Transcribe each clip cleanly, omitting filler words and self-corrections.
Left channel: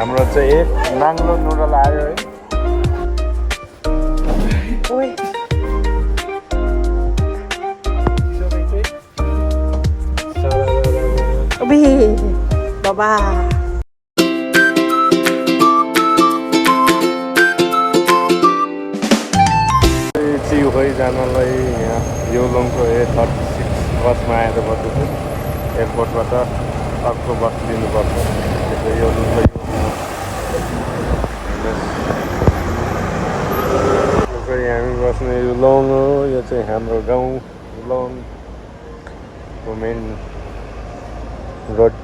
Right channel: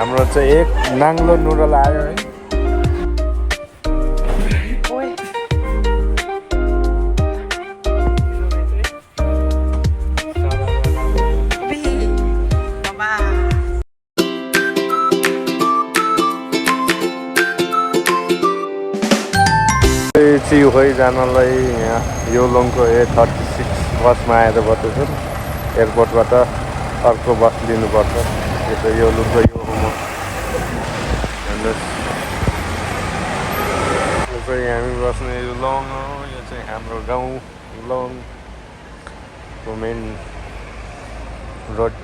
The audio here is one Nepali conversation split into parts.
हाम्रो चाहिँ एक नाङ्लो नुडल आयो है। ओए अबे बाबा चिउखै जानलाई यहाँ योलोङको A36 बसमा आएर बस्दैछु। एयरपोर्टबाट अर्को बस लिनुपर्छ। यो चाहिँ योलोङको यो चाहिँ हामी बस्ने योलोङ हो। यो चाहिँ हाम्रो गाउँ योलोङको मेन रोड।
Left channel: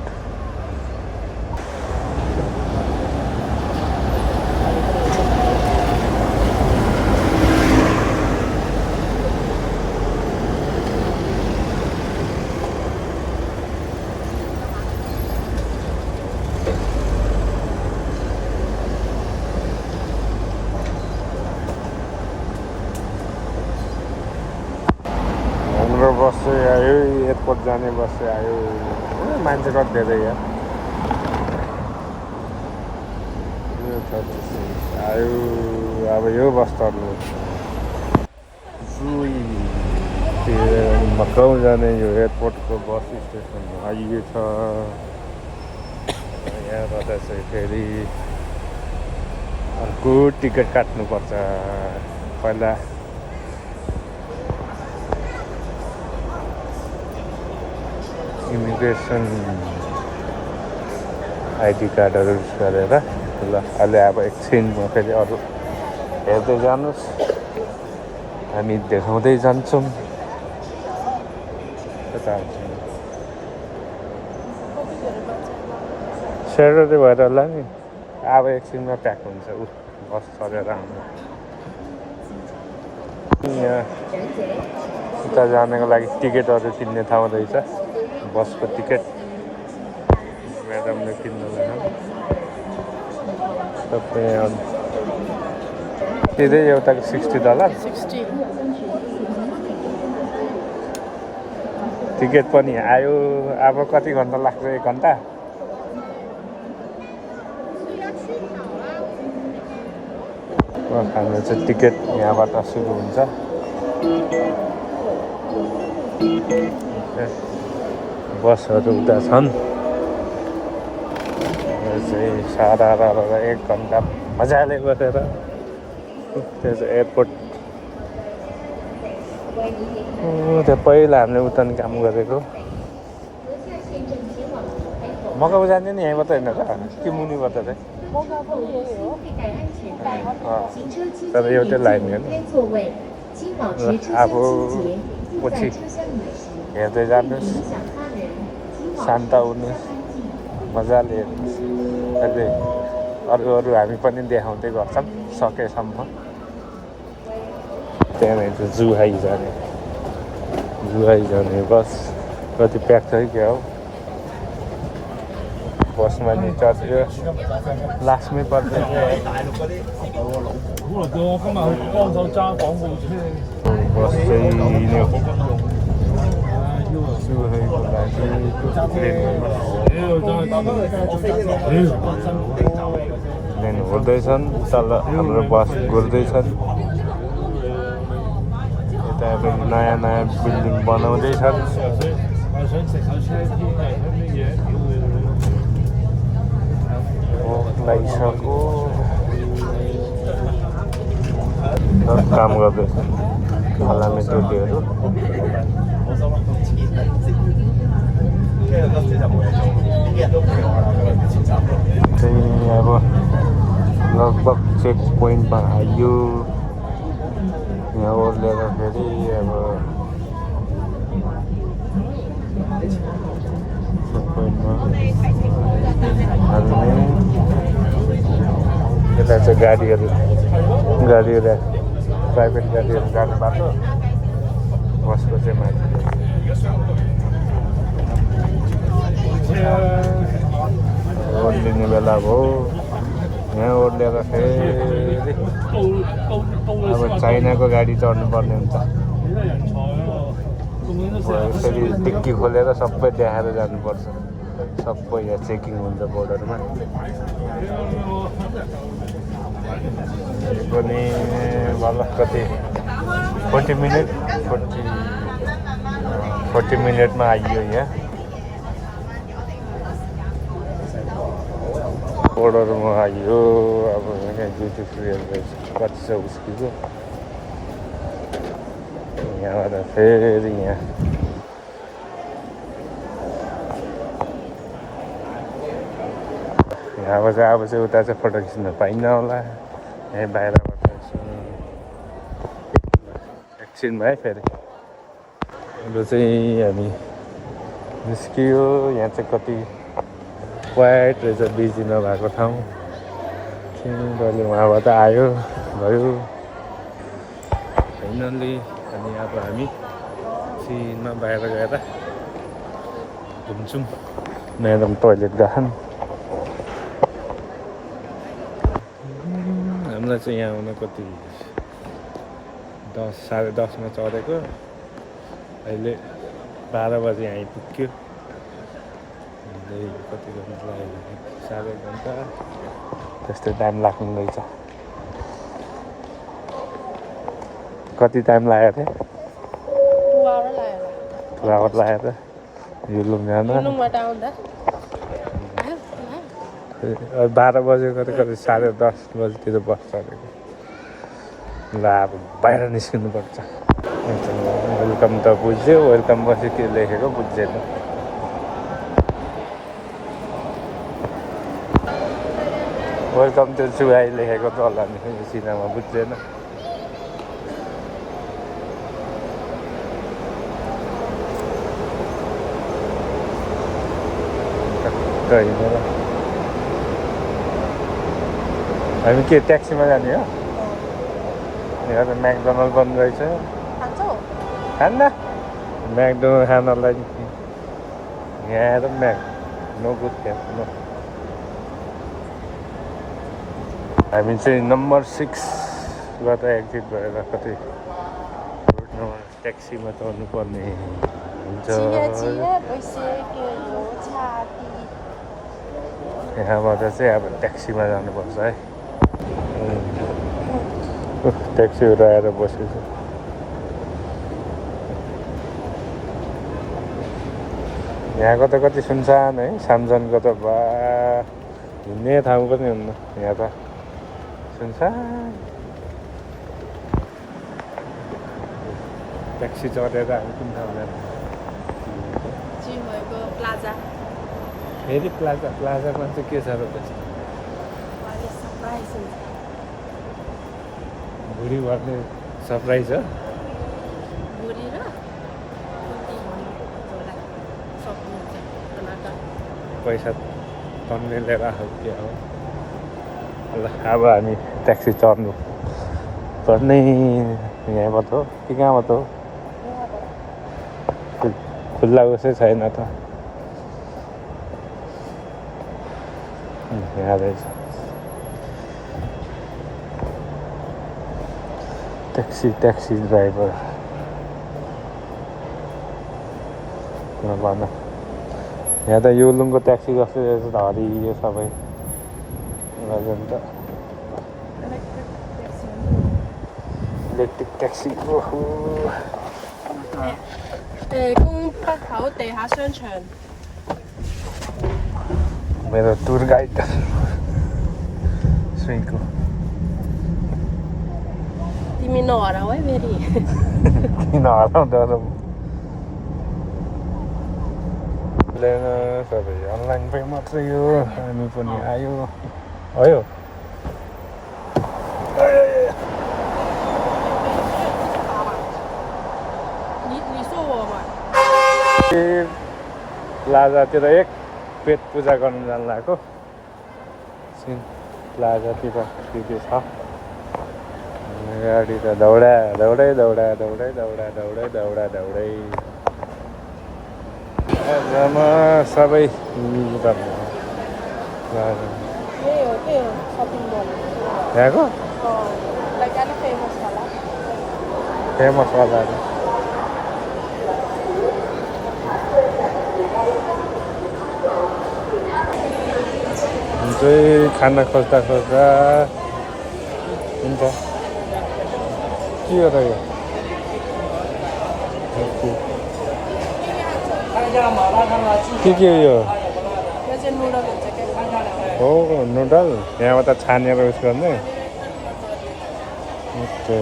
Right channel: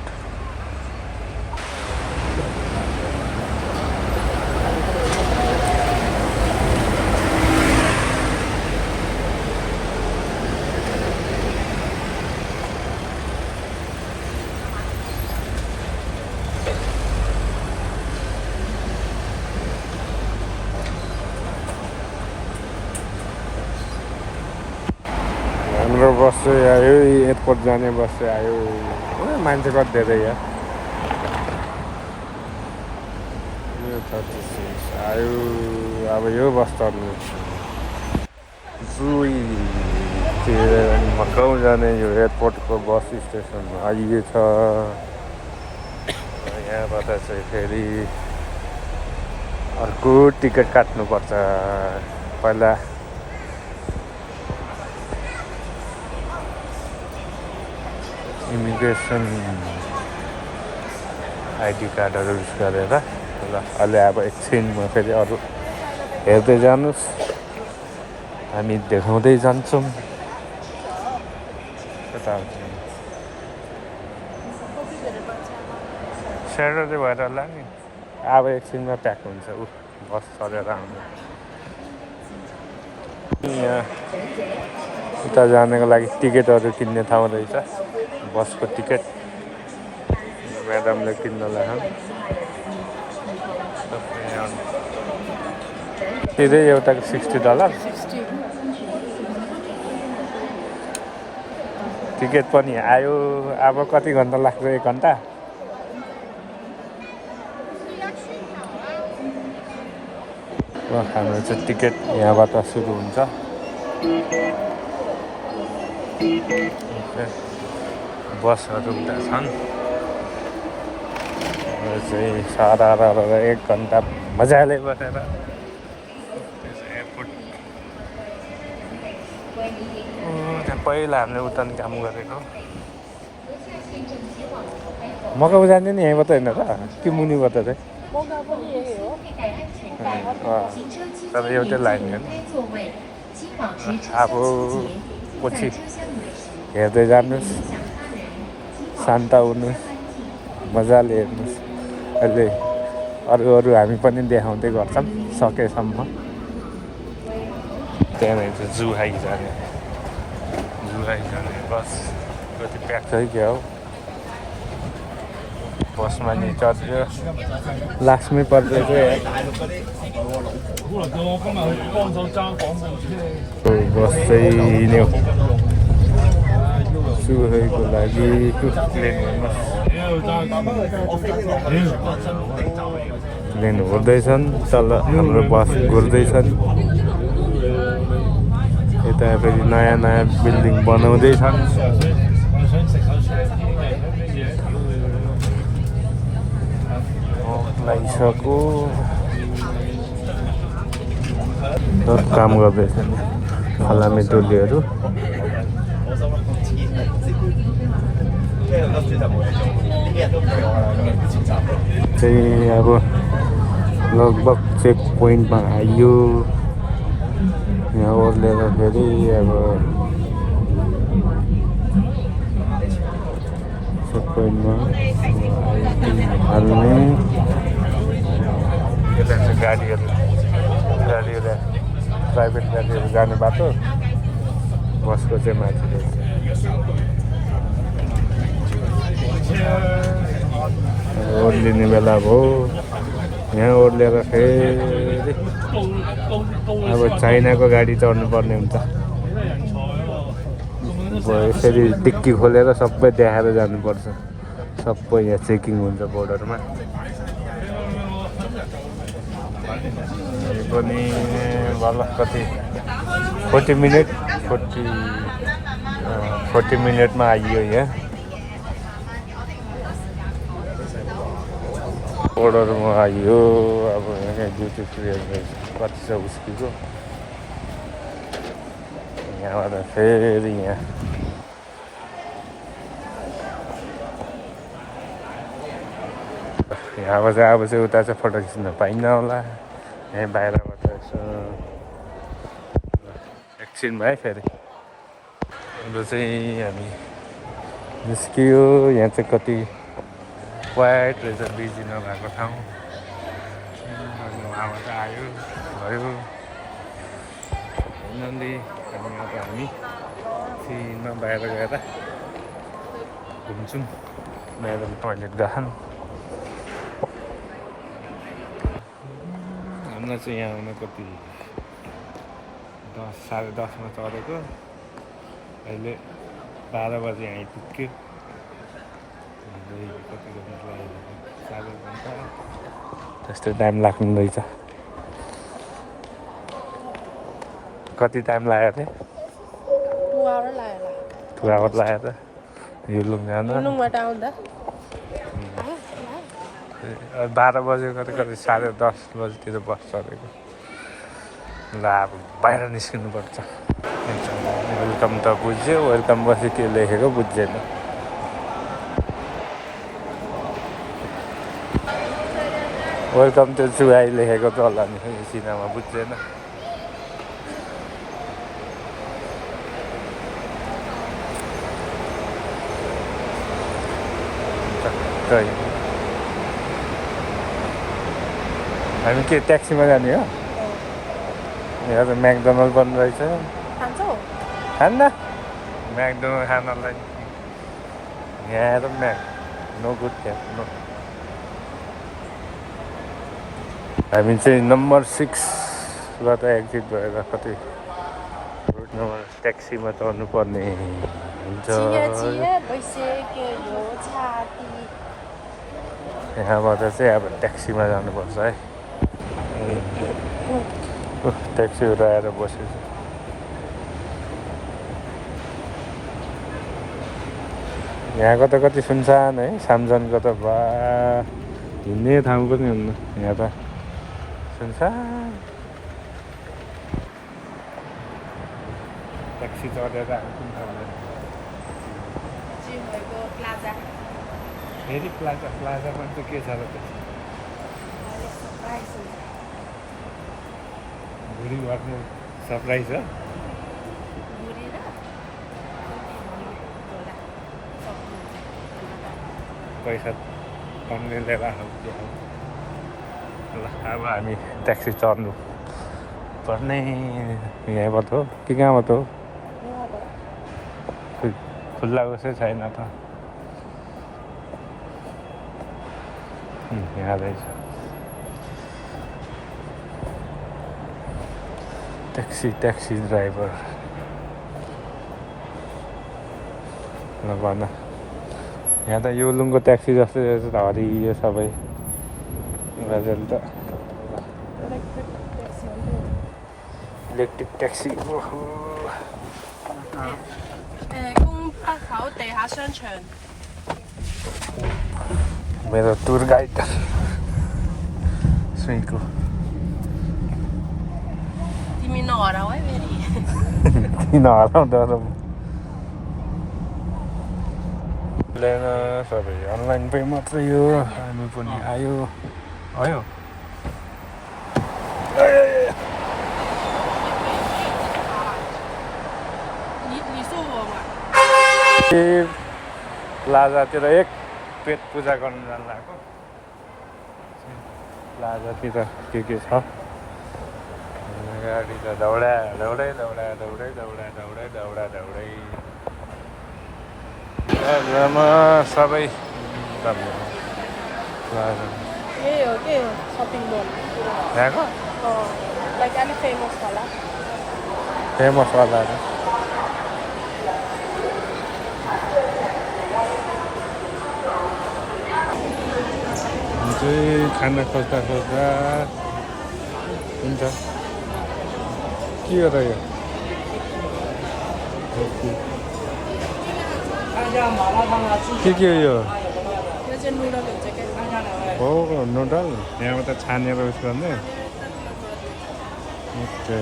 हाम्रो बस चाहिँ आयो, एयरपोर्ट जाने बस चाहिँ आयो। मान्छे कति धेरै यहाँ यो 36 आयो। अब यो बस चढ्नु मकाउ जाने यो एयरपोर्टको बस स्टेसन आइएछ। यहाँबाट चाहिँ फेरि अर्को टिकट काट्नुपर्छ। पहिला इमिग्रेसन आइडी कार्डहरू युज गरेर ल अहिले अब एकछिनमा फेरि अरू हेर्दै जानुहोस्। हामी देखाउँदै जान्छौँ कता स्याटरडे भएर होला नि। अब एकछिनमा प्याक हुन्छ ऊ बस चढेर आउनु। यहाँ उता जानको लागि टिकटहरू किन्ने ठाउँ रहेछ। बसको टिकट म्याडमले किन्न लाग्यो। सबै सिधै एउटाको $60। टिकट पनि आयो। अब कति घन्टा लाग्छ? 1 घन्टा। हाम्रो चाहिँ टिकट यहाँबाट सुरु हुन्छ। बसहरू उता छन्। चाहिँ सारा 1 घन्टा मजाले बसेर त्यो चाहिँ एयरपोर्ट। त्यहाँ पहिला हामीले उता नि काम गरेको। मकाउ जाने नि यहीँबाट होइन र कि मुनिबाट चाहिँ? तर एउटै लाइन होइन। अब पछि हेर्दै जानुहोस्। शान्त हुनु मजाले हेर्नुहोस्। अहिले अरू हामी पनि देखाउँदै गर्छौँ सकेसम्म। त्यहाँनिर जुहाई जाने बस कति प्याक छ कि क्या हो। बसमा नि चढ्यो। लक्ष्मी पर्दैछ। बस चाहिँ जुहाईको लागि लिनु हुँदैछन्। तल हाम्रो बस गर्दैछन्। यता फेरि नयाँ बिल्डिङ बनाउँदैछन्। लागिसक्यो। काम गर्दैछन् फलामे टोलीहरू। चाहिँ अब लगभग चेक पोइन्टमा आइयो। यहाँ ओर्लेर फेरि अब चेक पोइन्टमा यता चाहिँ गाडीहरू प्राइभेट गाडीहरू जाने बाटो। बसको चाहिँ माथि ओर्लिने बेला भयो। यहाँ ओर्लेर फेरि अब चाइनाको गाडी चढ्नु पर्ने हुन्छ। यसरी डिक्की खोलेर सबै देखाएर जानुपर्छ। सबै यहाँ चेकिङ हुन्छ बोर्डरमा। पनि बल्ल कति 40 मिनट 40 मिनटमा आइयो यहाँ अर्डरमा आइयो अब ब्लुटुथ कति छ उसको यहाँबाट फेरि यहाँ यहाँबाट चाहिँ अब चाहिँ उता चाहिँ फोटो खिच्न पाइन्न होला यहीँ बाहिरबाट यसो एकछिनमा है फेरि अब चाहिँ हामी निस्कियो यहाँ चाहिँ कति क्वाइट रहेछ बिजी नभएको ठाउँ डल्लै उहाँबाट आयो भयो फाइनल्ली अनि अब हामी सिनमा बाहिर गएर घुम्छौँ म्याडम टोइलेट गएछन् हामीलाई चाहिँ यहाँ आउन कति 10 साढे 10मा चढेको अहिले 12 बजी आइपुग्यो कति गर्नु लाग्यो साढे घन्टा त्यस्तै टाइम लाग्नु रहेछ कति टाइम लाग्यो थियो 2 आवर लाग्यो त युलुङ जान 12 बजे कति साढे 10 बजीतिर बस चढेको ल अब बाहिर निस्किनुपर्छ वेलकम त बुझ्यो वेलकम पछि के लेखेको बुझ्दैन वेलकम त्यो चुहाई लेखेको त होला नि सिनामा बुझ्दैन हामी के ट्याक्सीमा जाने हो यहाँ त म्याकडोनल्ड बन्द रहेछ खान्न म्याकडोनल्ड खानलाई यहाँ आएर नो गुड नो हामी चाहिँ नम्बर 6बाट एक्जिट भएर कतै ट्याक्सीमा चढ्नु पर्ने हुन्छ यहाँबाट चाहिँ अब ट्याक्सीमा जानुपर्छ है ट्याक्सीहरू आएर बसेको यहाँको त कति सुनसान है सामजनको त बा हिँड्ने ठाउँ पनि हुन्न यहाँ त सुनसान ट्याक्सी चढेर हामी कुन ठाउँ जाने फेरि प्लाजामा चाहिँ के छ र भुरी भर्ने सरप्राइज हो पैसा तन्ने लिएर के अब ल अब हामी ट्याक्सी चढ्नु पर्ने यहाँबाट हो कि कहाँबाट हो खुल्ला उसै छैन त यहाँ रहेछ ट्याक्सी ड्राइभर भन यहाँ त योलुङको ट्याक्सी जस्तो जस्तो त हरियो सबै त इलेक्ट्रिक ट्याक्सी ओहो मेरो टुर गाइड सुइको तिमी नहराउ है फेरि नहराउँदा लिएन सबै अनलाइन पे मात्रै हो हामी पनि आयो आयो प्लाजातिर एक पेट पूजा गर्नु जानु लागेको प्लाजातिर के छ गाडी त दौडै प्लाजामा सबै यहाँको फेमस वालाहरू चाहिँ खाना खोज्दा खोज्दा हुन्छ के हो र यो के हो यो यो चाहिँ नुडल हुन्छ क्या हो नुडल यहाँबाट छानेर उस गर्ने ओके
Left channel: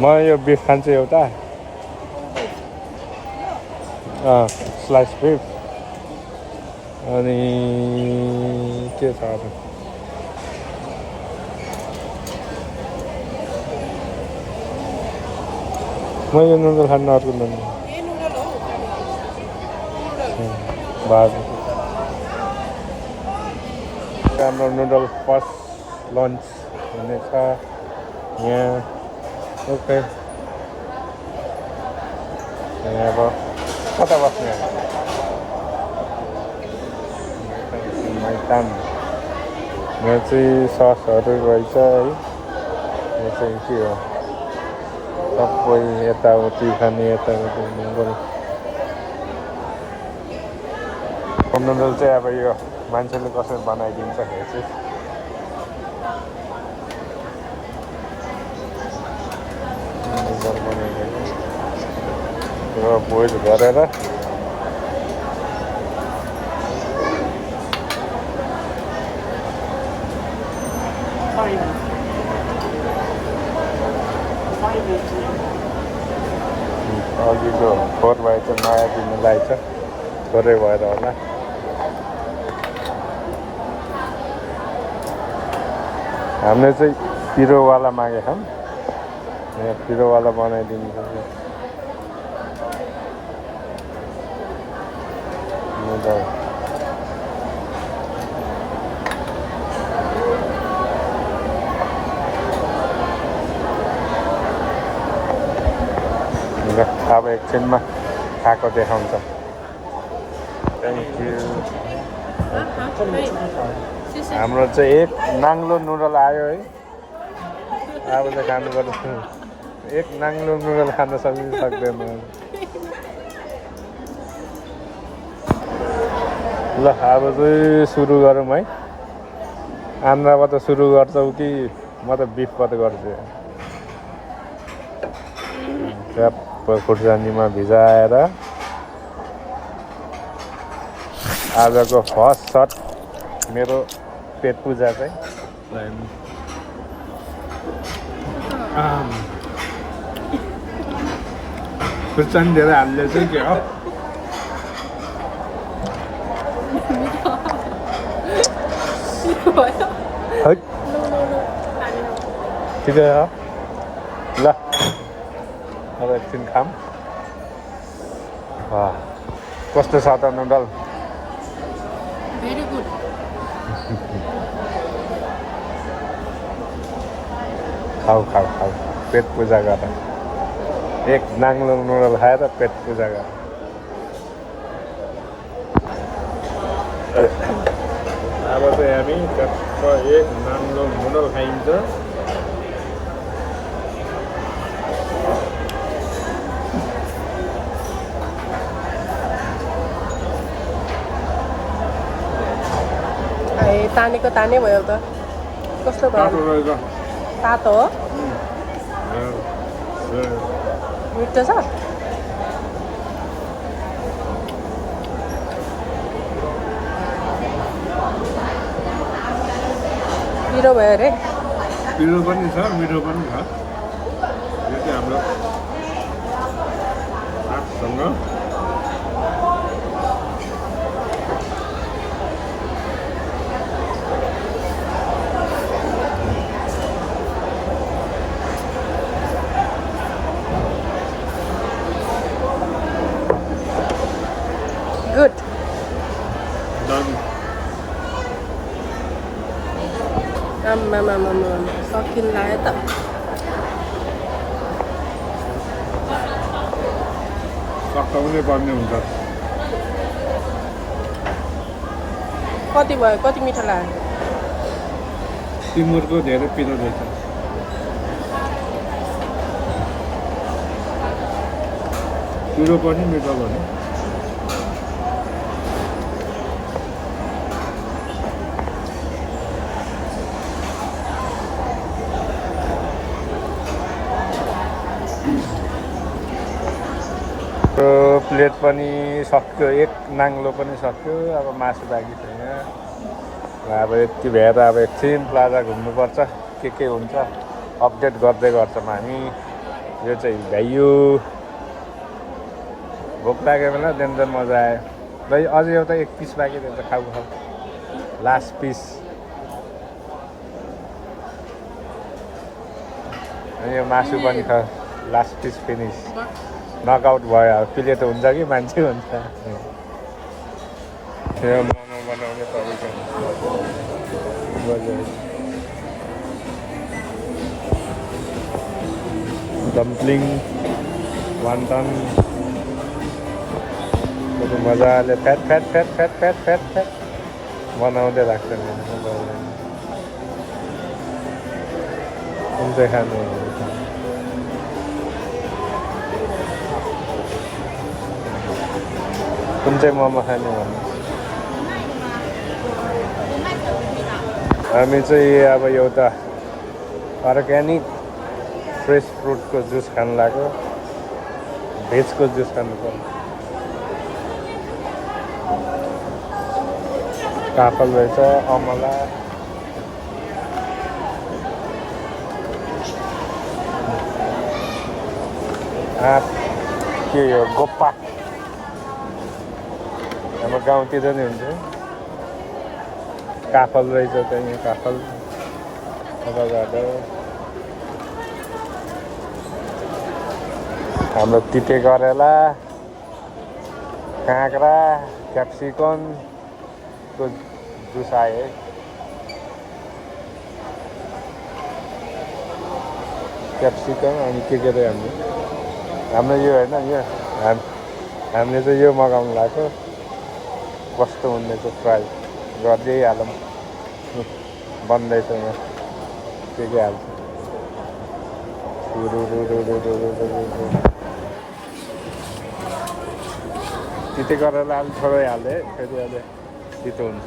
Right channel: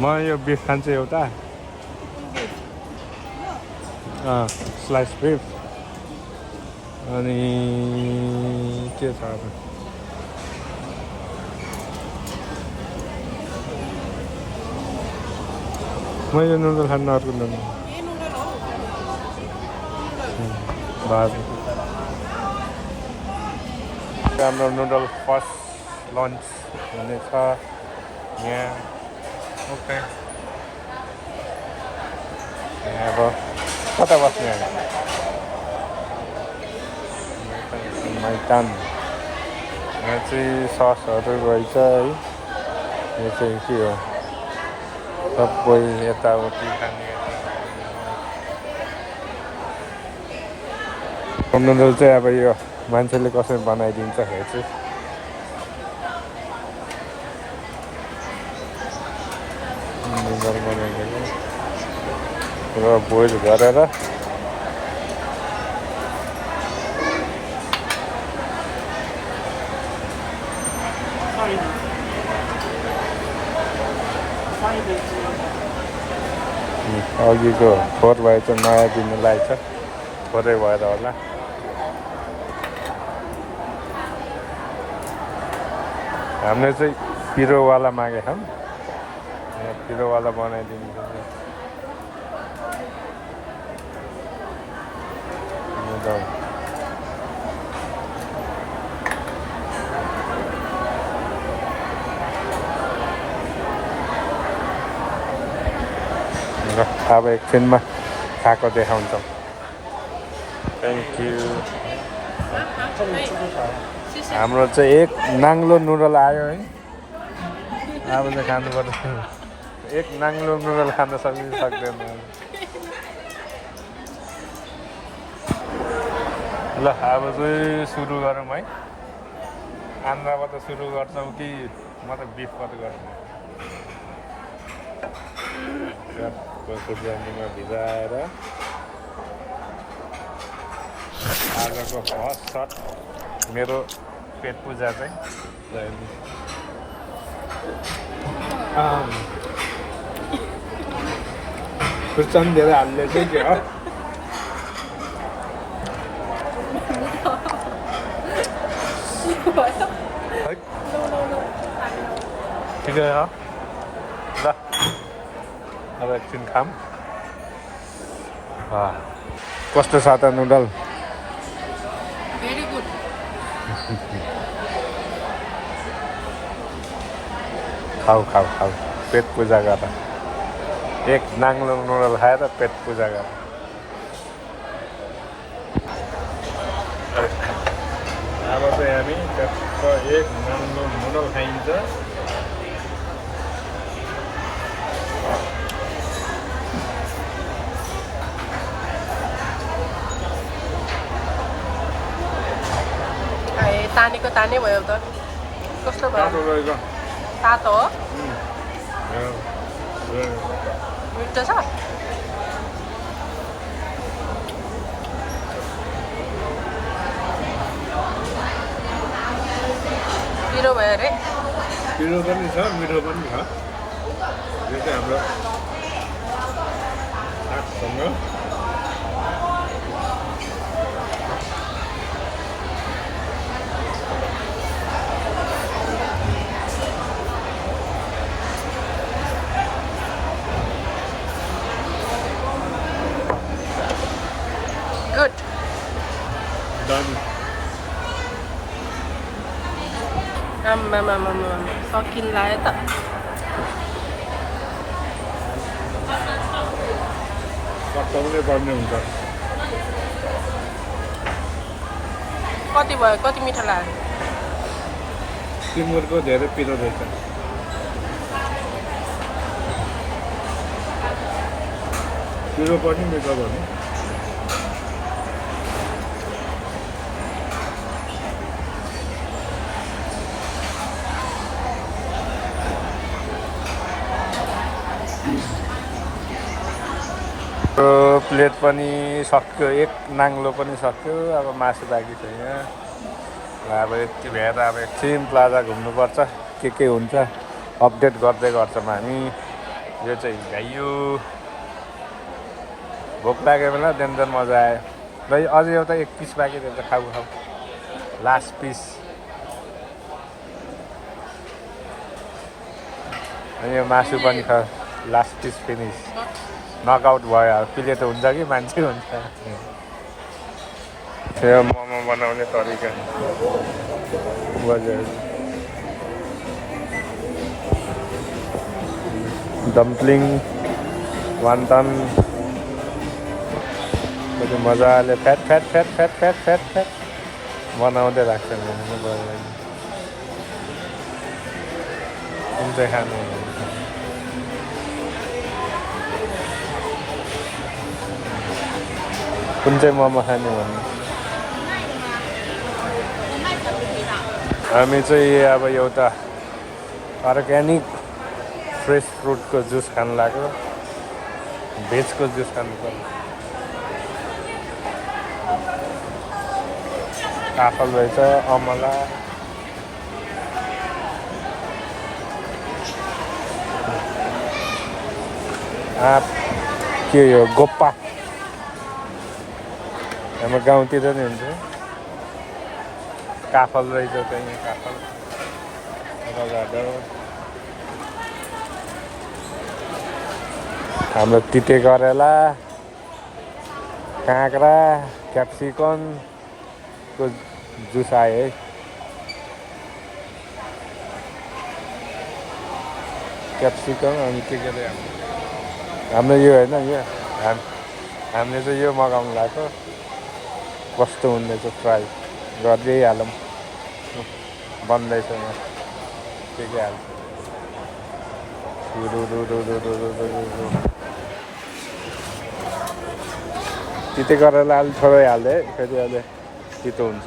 म यो बिफ खान्छु एउटा स्लाइस बिफ अनि के छ अब म यो नुडल खान्न अर्को नुडल भात हाम्रो नुडल फर्स्ट लन्च हुनेछ यहाँ ओके यहाँ अब कता बस्ने मैदान यहाँ चाहिँ ससहरू रहेछ है यो चाहिँ के हो सबै यताउति खाने यताउति नुडल चाहिँ अब यो मान्छेले कसरी बनाइदिन्छ हेर्छु बोइल गरेर अघिको फोहोर भए चाहिँ नयाँ दिनु लागेछ फोहोरै भएर होला हामीले चाहिँ पिरोवाला मागेको छौँ पिरोवाला बनाइदिनु नुडल अब एकछिनमा खाएको देखाउँछ थ्याङ्क यू हाम्रो चाहिँ एक नाङ्लो नुडल आयो है अब चाहिँ खानुपर्छ एक नाङ्लो नुडल खान सक्दैन ल अब चाहिँ सुरु गरौँ है आन्द्राबाट सुरु गर्छौ कि म त बिफबाट गर्छु खुर्सानीमा भिजाएर आजको फर्स्ट सट मेरो पेट पूजा चाहिँ खुर्सानी धेरै हाल्ने चाहिँ के हो ठिकै हो ल अब एकछिन खाम कस्तो छ त नुडल भेरी गुड खाऊ खाऊ खाऊ पेट पूजा गर एक नाङ्लो नुडल खाएर पेट पूजा गर अब चाहिँ हामी एक नाङ्लो नुडल खाइन्छ तानेको तानै भयो त कस्तो भयो तातो हो मिठो छ पिरो भयो अरे पिरो पनि छ मिठो पनि छ यो चाहिँ हाम्रो सागसँग गुड आम्मा सकिन लाग्यो त पकाउनै पर्ने हुन्छ कति भयो कति मिठो लाग्यो सिङ्गुरको धेरै पिरो रहेछ पिरो पनि मिठो भने प्लेट पनि सक्यो, एक नाङ्लो पनि सक्यो। अब मासु बाँकी छैन। अब यति भएर अब एकछिन प्लाजा घुम्नुपर्छ, के हुन्छ अपडेट गर्दै गर्छौँ हामी। यो चाहिँ भ्याइयो। भोक लाग्यो बेला डेन्जर मजा आयो। र अझै एउटा एक पिस बाँकी रहेछ, खाऊ लास्ट पिस। यो मासु पनि लास्ट पिस फिनिस। नकआउट भयो। अब प्लेट हुन्छ कि मान्छे हुन्छ। यो मोमो बनाउने तरिका डम्पलिङ वान्टन मजाले फ्याट बनाउँदै राख्छन्। कुन चाहिँ खाने? कुन चाहिँ मोमो खाने भन्नु? हामी चाहिँ अब एउटा अर्ग्यानिक फ्रेस फ्रुटको जुस खानु लाग्यो। भेजको जुस खानु पर्छ। काफल रहेछ, अमला, आँप, के यो गोप्पा हाम्रो गाउँतिर नि हुन्छ। काफल रहेछ त्यहाँ, काफल, एभोकाडो, हाम्रो तिते करेला, काँक्रा, क्याप्सिकमको जुस आयो है। क्याप्सिकम अनि के रे हाम्रो यो होइन, यो हामीले चाहिँ यो मगाउनु लाग्यो। कस्तो हुँदैछ फ्राई गर्दै हालौँ। बन्दैछ यहाँ के हाल्छ। तिते गरेर अलि थोरै हाल्दै फेरि अहिले तितो हुन्छ।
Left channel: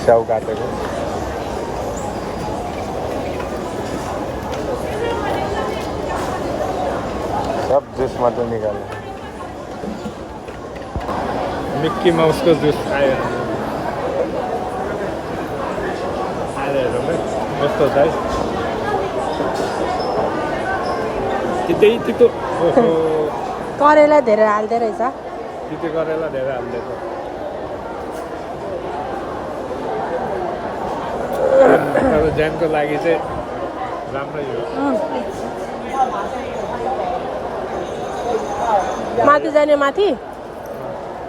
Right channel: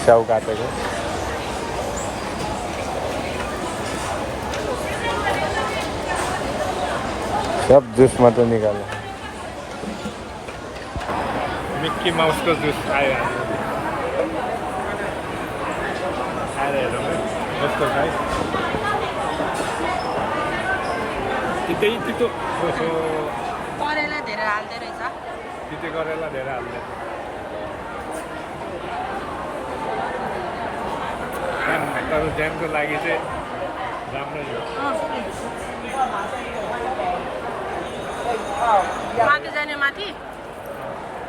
स्याउ काटेको सब जुस मात्रै निकाल्यो। मिक्की माउसको जुस आयो। कस्तो छ है? तितो करेला धेरै हाल्दो रहेछ। तिते करेला धेरै हाल्दैछ। तर ज्यामको लागि चाहिँ राम्रै हो। माथि जाने माथि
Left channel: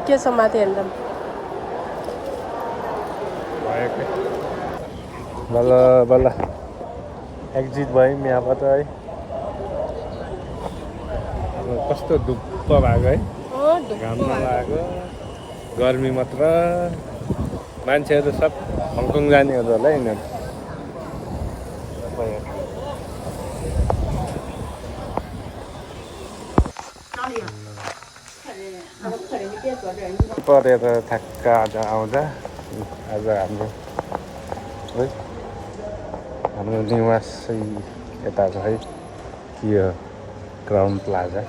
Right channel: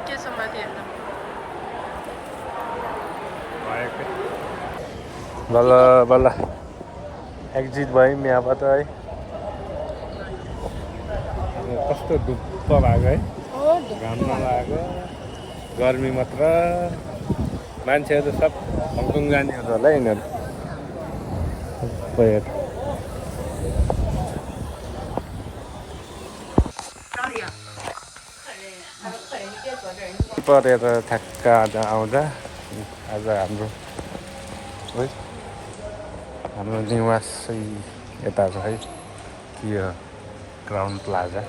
के छ माथि हेर्दा बल्ल बल्ल एक्जिट भयौँ यहाँबाट है। कस्तो धुप्प भएको है, घाम नलागेको, गर्मी मात्र। मान्छेहरू सब हङकङ जानेहरू होला यिनीहरू। परेर ठ्याक्क आउँदा आज हाम्रो निवास चाहिँ यता छ है। यो क्राउन प्लाजा।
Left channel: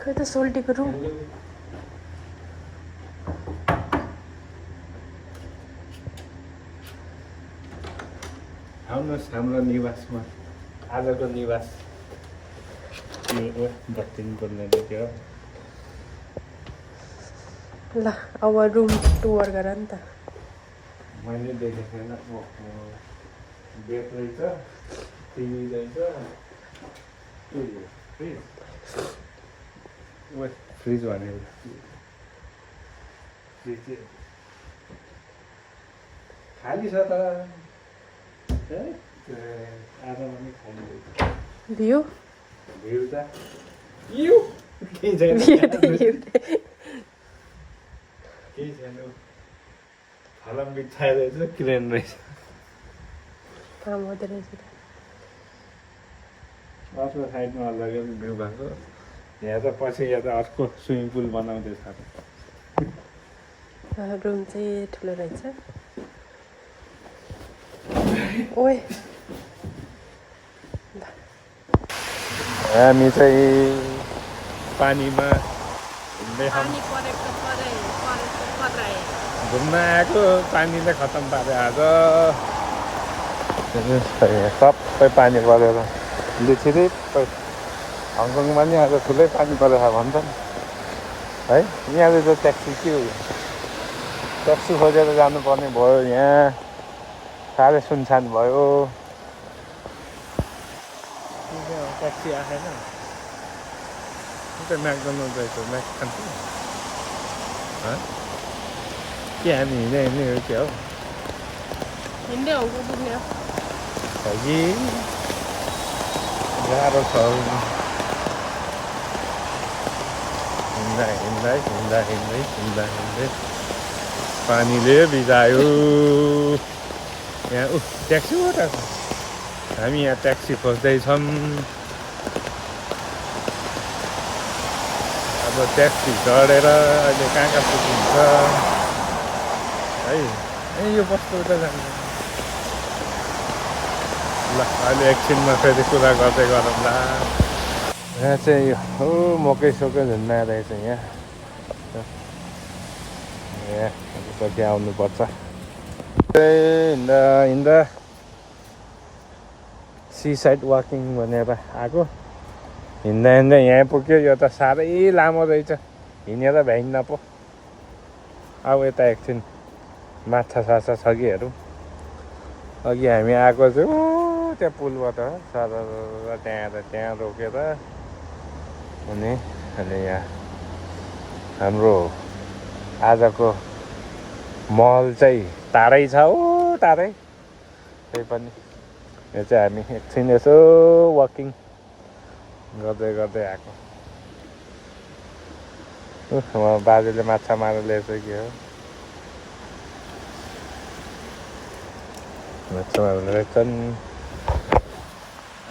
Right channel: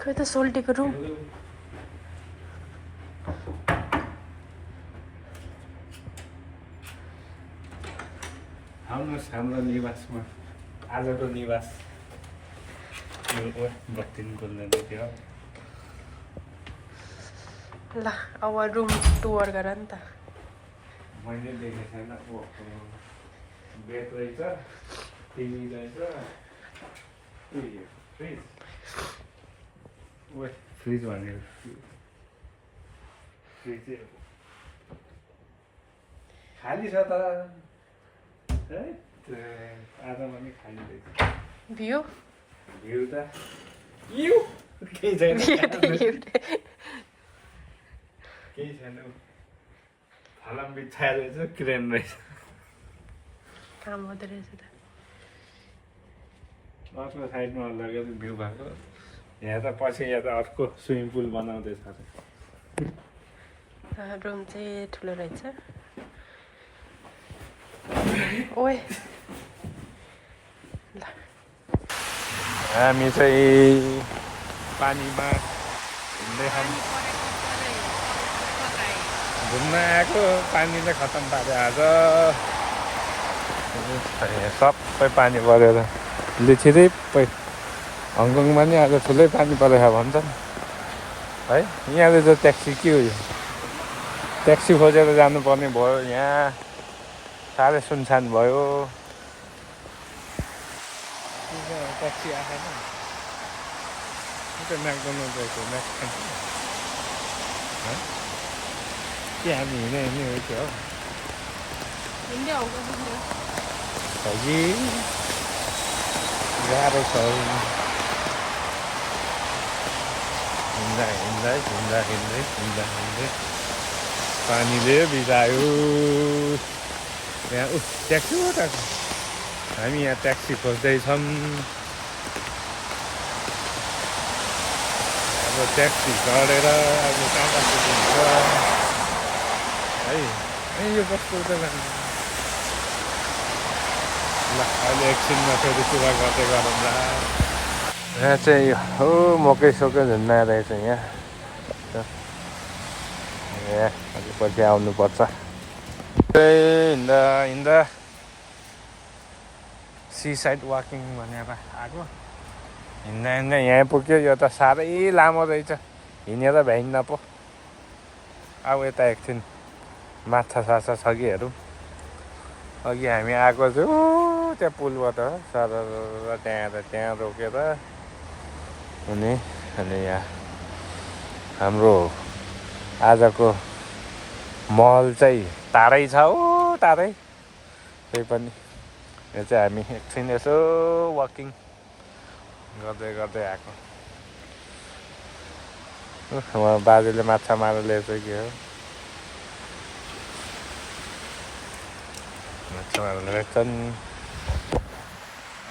खै त सोल्टीको रुम। आउनुहोस् हाम्रो निवासमा। आजको निवास बत्ती पर्दैन थियो। ल अब रुम टुर गर नि त। मैले देखेको छैन। बेड रहेछ, टिभी रहेछ, फ्रिज भने फ्रिज खाली छ त है। आज पनि खाइँदैछ भ्यू भिड त केही छैन केही छैन फलम बिछाएर रहेछ क्रेन रहेछ काम हुँदो रहेछ त अर्को साइडमा लगेर भ्यू भएको यहाँ त पछि यहाँ त अर्को स्विमिङ पुल बनाउँदैछ रुम चाहिँ ठुलो रहेछ ओए हामी चाहिँ पानीमा हिँड्दै घुम्न आएको पानी त खतम पाऱ्यो आज सबै पानी परेर लिचिरिप्पै हङकङमा नि आज ठुलै पानी परेछ भन्छ नि है यहाँ त ट्याक्सी के हो ट्याक्सी खोजेर जानुपर्ने भयो यहाँ साह्रै सुनसान भयो ट्याक्सी आएन त म्याकडोनल्ड रहेछ म्याक खान्छु के हामी हिँड्दै हिँड्ने हो त्यो हो हिँड्दै हङकङ पुग्ने हो कि गाह्रो छ हिँड्दा हिँड्दै हिँड्दा हिँड्दै हिँड्दा हिँड्दै पानीले बिगायो यहाँ ट्याक्सी हो त हामी यहाँ ट्याक्सी खोज्दैछौँ अब ट्याक्सी चढेर अहिले कहाँ कहाँ पुगिन्छ है यो बस्नु त जान्छ ल अहिले एकछिनमा फेरि कुरा गर्दै गरौँला यहाँ चाहिँ हो मकै सकै झुन्ना रहेछ यहाँ पछि आउनुपर्छ हिँड्दा हिँड्दा सी साइड वाकिङ भनेर आएको हिँड्दा हिँड्दा यहाँ पुग्यो यो त साह्रै लामो रहेछ हिँडेर भ्याइन्न पो अब यता एकछिन माछा साछा छ कि हेरौँ अघि हामी आएको छु त्यहाँ पुलबाट सर त्यहाँ रोकेर अनि यहाँ हाम्रो आजको महल चाहिँ टाढै छ हो टाढै त्यही पनि यो चाहिँ हामी एकछिन यसो वाकिङ गर्दै गर्दै आएको उहाँ बाजेले माछा मारेर ल्याएछ के हो माछा मारेर ल्याएछन्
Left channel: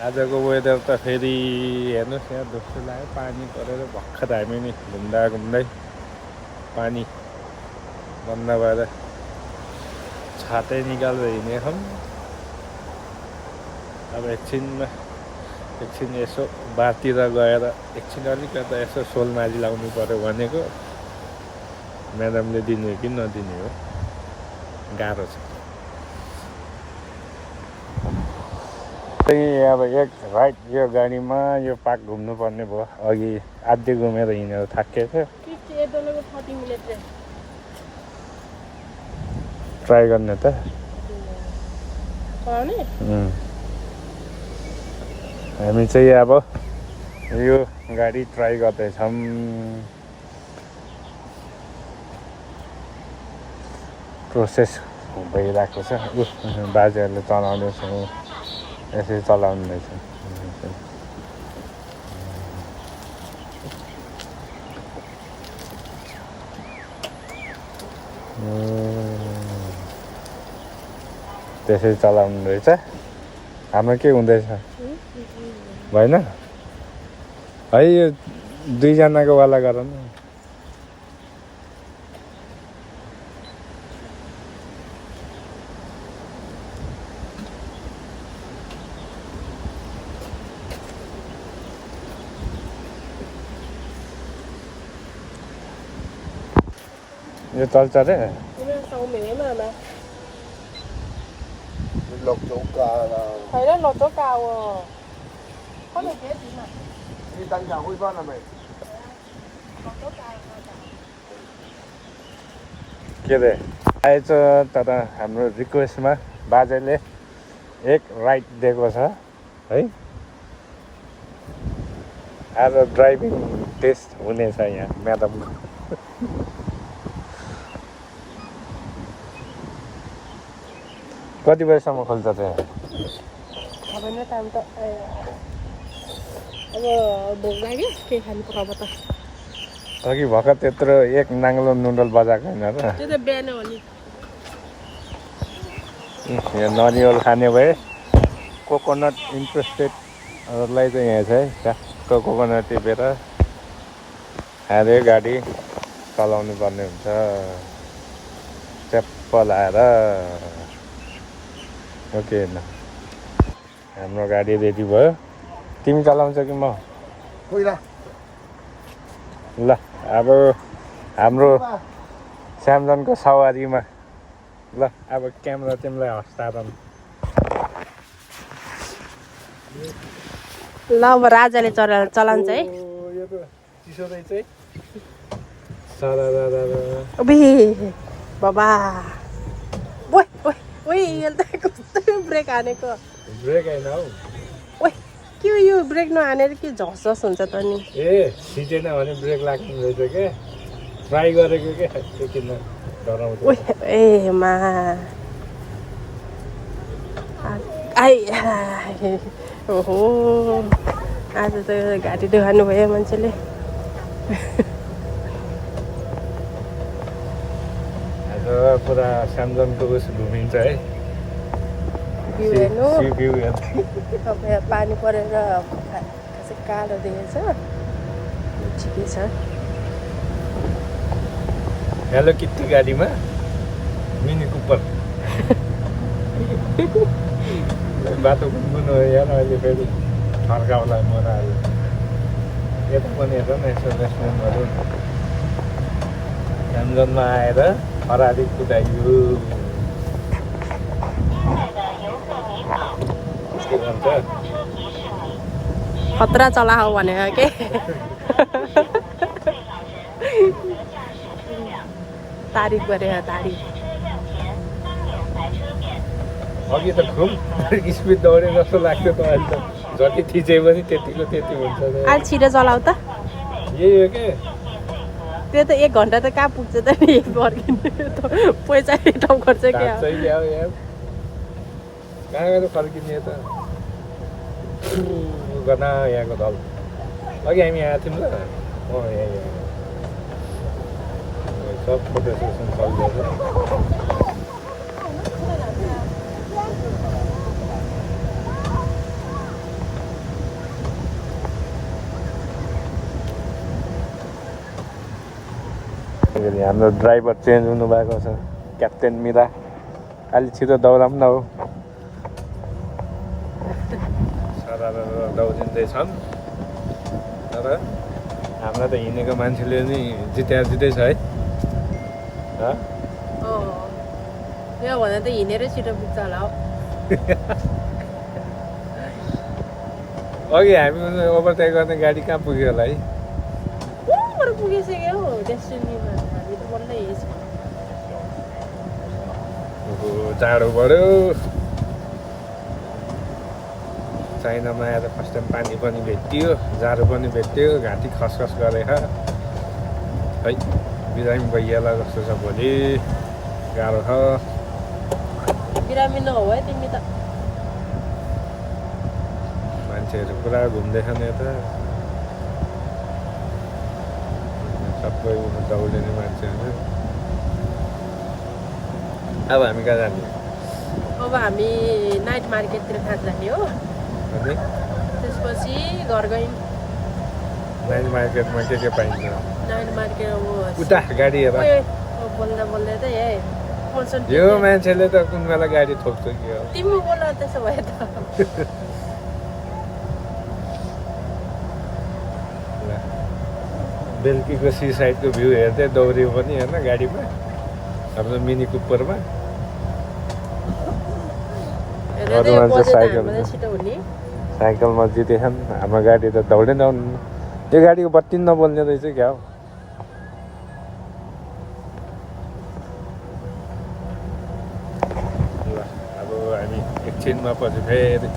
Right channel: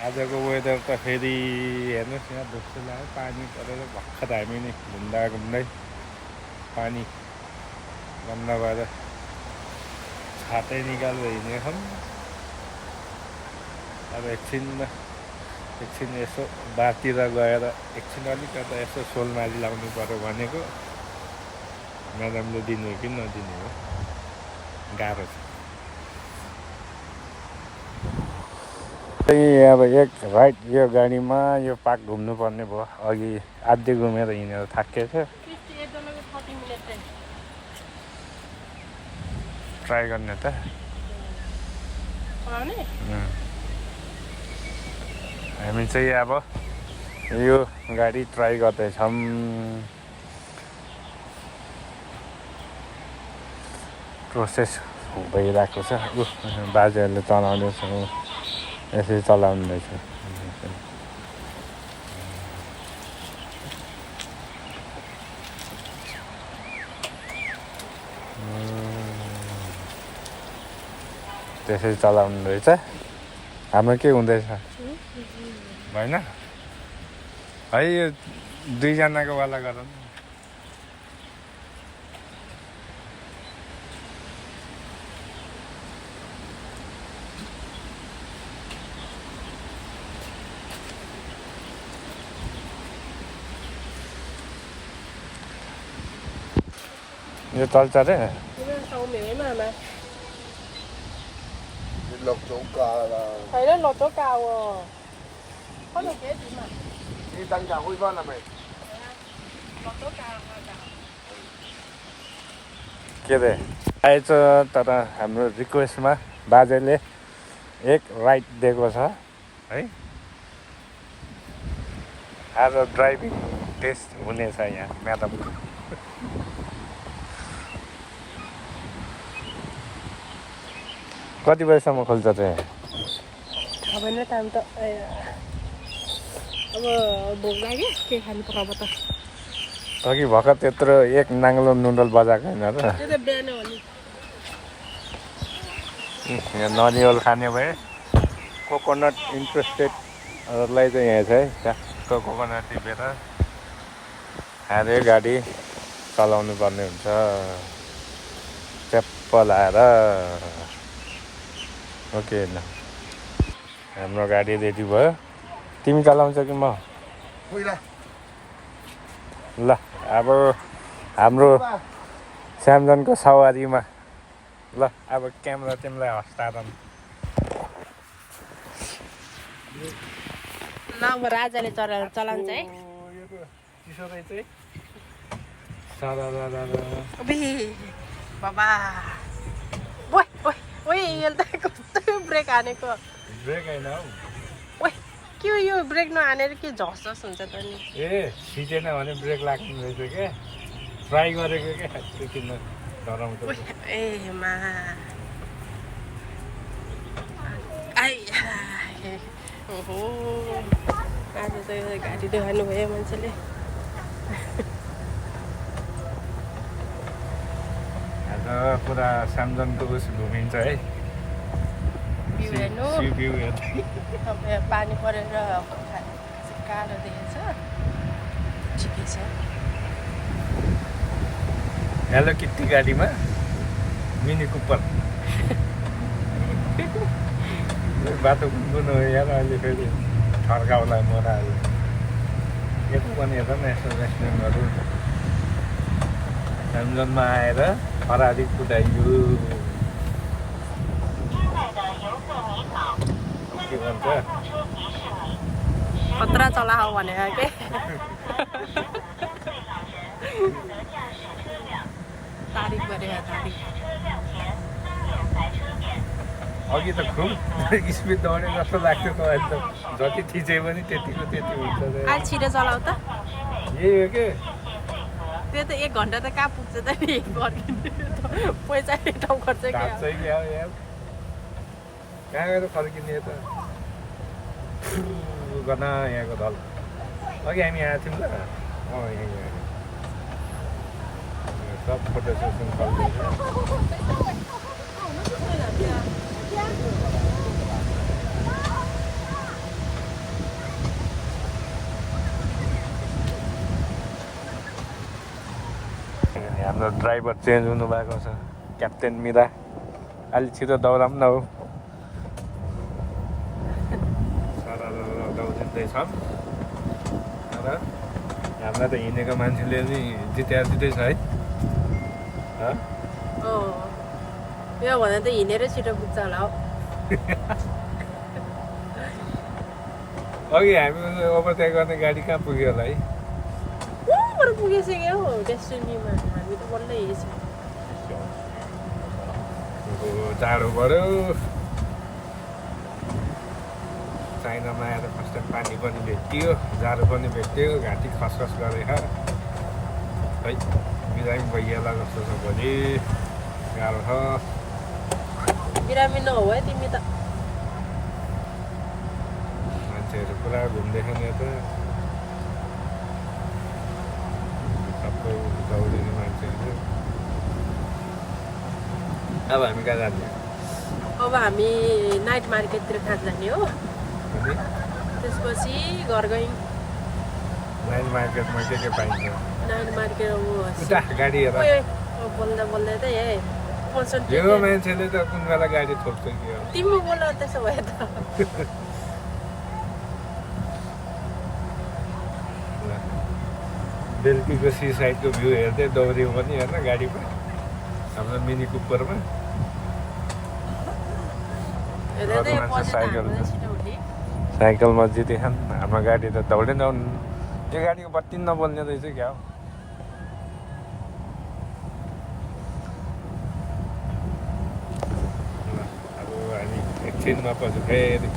आजको वेदर त फेरि हेर्नुहोस् यहाँ दोस्रो लाग्यो पानी परेर भर्खर हामी नि घुम्दा घुम्दै पानी बन्द भएर छातै निकालेर हिँडेछौँ अब एकछिन यसो बारतिर गएर एकछिन अलिकता यसो सोलमारी लाउनु पऱ्यो भनेको म्याडमले दिने हो कि नदिने हो गाह्रो छ अब एक राइट यो गाडीमा यो पार्क घुम्नुपर्ने भयो अघि आधी घुमेर हिँडेर थाकिएको थियो ट्राई गर्ने त हामी चाहिँ अब यो गाडी ट्राई गर्दैछौँ प्रोसेस भइरहेको छ बाजेहरूले चलाउँदैछ यसरी चलाउँदैछ त्यसरी चलाउनु रहेछ हाम्रो के हुँदैछ भएन है यो दुईजनाको वाला गर न यो चल्छ रे lột chỗ cờ là thầy đó lột chỗ cào có được chết mà đi tăng chào vui con là mày के रे आएछ तर हाम्रो रिक्वेस्टमा बाजेले एक राइड दिएको छ है आज ड्राइभिङ टेस्ट हुनेछ यहाँ म्याडमको कति बजीसम्म खोल्छ चाहिँ होइन टाइम त अब भोक लाग्यो के खानु पर्यो अब त अघि भर्खर त्यत्रो एक नाङ्लो नुडल बजाएको होइन र त्यो त बिहान हो नि यहाँ नरिवल खाने भए कोकोनट इन्ट्रेस्टेडहरूलाई चाहिँ यहाँ छ है ट्याक्क कोकोनट टिपेर खाँदै गाडी चलाउनु पर्ने हुन्छ च्याप्प लाएर ओके होइन हाम्रो गाडी रेडी भयो तिमी चलाउँछ कि म कोही ल ल अब हाम्रो स्यामसङको सवारीमा ल अब क्यामेरा तिमीलाई हस्तान्तरण ल अब राजाले चलान्छ है यो त चिसो रहेछ है अबे बाबा ओइ ओइ ओइ यसले त कस्तो ब्रेक हानेको ब्रेक होइन हौ ओइ के हो यो ब्रेक नहानेर के झस झस हुन्छ त नि ए सिटेन भने ब्रेक लाग्ने रहेछ क्या ट्राई गरेको क्या त्यो किन डराउँछ ओइ ए मा आइ ओहो आज त गाडी देखाउनु भयो मान्छेले आज पुरा स्यामसङको उस घुमिन्छ है भ्यू हेर्नु भ्यू हेर्दै अब यहाँ पानी परेर कालो देखेछ ठिकै छ हेलो किट्टी गाडीमा मिनी कुपर बाटो कुन हो यार अहिले फेरि फर्काउला मोराहरू यता पनि हेर न यसो रेस्टुरेन्टहरू स्यामसङमा आएर फरारी कुदाइयो के भन्छ खतरा चलाऊ भनेको के तारिफ गरे तारिफ अघि त खुब स्पिड दौडे जस्तो लाग्थ्यो त अहिले त जति थिचे पनि त्यतिको त्यति हुन्छ अहिले छिटो चलाऊ त यही हो के त्यो त 1 घन्टा त कहाँ पुग्छ त नि एक फर्किनु पैसा रिटर्न गर्छ क्या काट्छै ल्याऊ यार कहाँ गएर फर्किने त गना यहाँको दल अघि हामी आएको थियौँ ल यहाँ सब फोटो सेसन चलिरहेको हाम्रो ड्राइभर चेन्ज हुनुभएको छ क्याप्टेन मिरा अलि छिटो दौडाउँ न हो दौडिँदैछन् तर हाम्रा त हिँडेको मान्छेले नि जित्दै छ है यो भन्दा त हिँडेरै छिटो पुग्छ होला हौ अघि हामी ओभरटेक गर्ने गाडी कहाँ पुग्यो होला है ऊपर पुगिसक्यो हौ डेस्टिनीमा हामी त बल्ल हिँड्छौँ टाढो बढ्यो चाइनामा आएर फर्स्ट टाइम पानी पनि भेटियो जाडो पनि भेट्यो घाँटी खसखस गरे है बिरामी भइहाल्ला जस्तो छ भोलि गाह्रो छ बिरामी नहो है तिमी त मान्छेहरू पुरा घुम्दैछन् यता सबै दौडिने मान्छेहरू अब हामी कहाँ जाने अब हामी नाइट मार्केटतिर खान जाने हो त्यसपछि घर गयौँ नाइट मार्केटमा के पाइन्छ नाइट मार्केट अब उता गाडी हेर बोल्दा बोल्दा त है यो मान्छेले त कुन बेला गाडी ठोक्छ कि हो तिमी बोल त्यसो भए त बेलुकीको सी साइडको भ्यू हेर्दै दौड्यो पनि हेर्न गाडीमा हाम्रो मिनी कुपरमा साइकलमा जितेछन् हाम्रो गाडी त दौडै दौड यो गाडीको बत्ती नबोल्ने रहेछ क्या हो ल अब हामी एकछिनमा पछि फेरि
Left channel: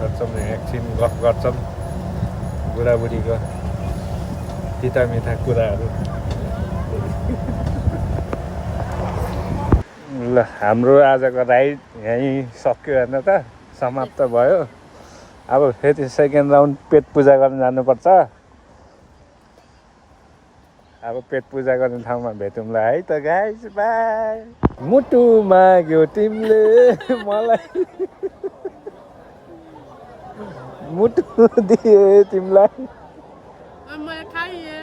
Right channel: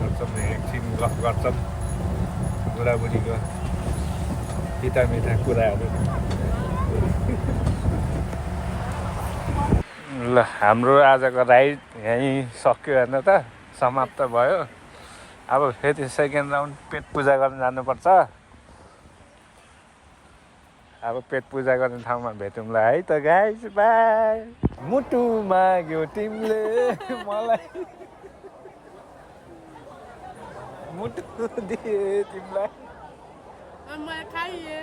गर्छौँ एकछिन गफ गर्छौँ बुढाबुढीको तिता मिठा कुराहरू ल हाम्रो आजको राइड यहीँ सक्यो हेर्न त समाप्त भयो अब फेरि सेकेन्ड राउन्ड पेट पूजा गर्न जानुपर्छ अब पेट पूजा गर्ने ठाउँमा भेटौँला है त गाइस बाई मुटु माग्यो तिमीले मलाई मुटु दिए तिमीलाई मैं खाइए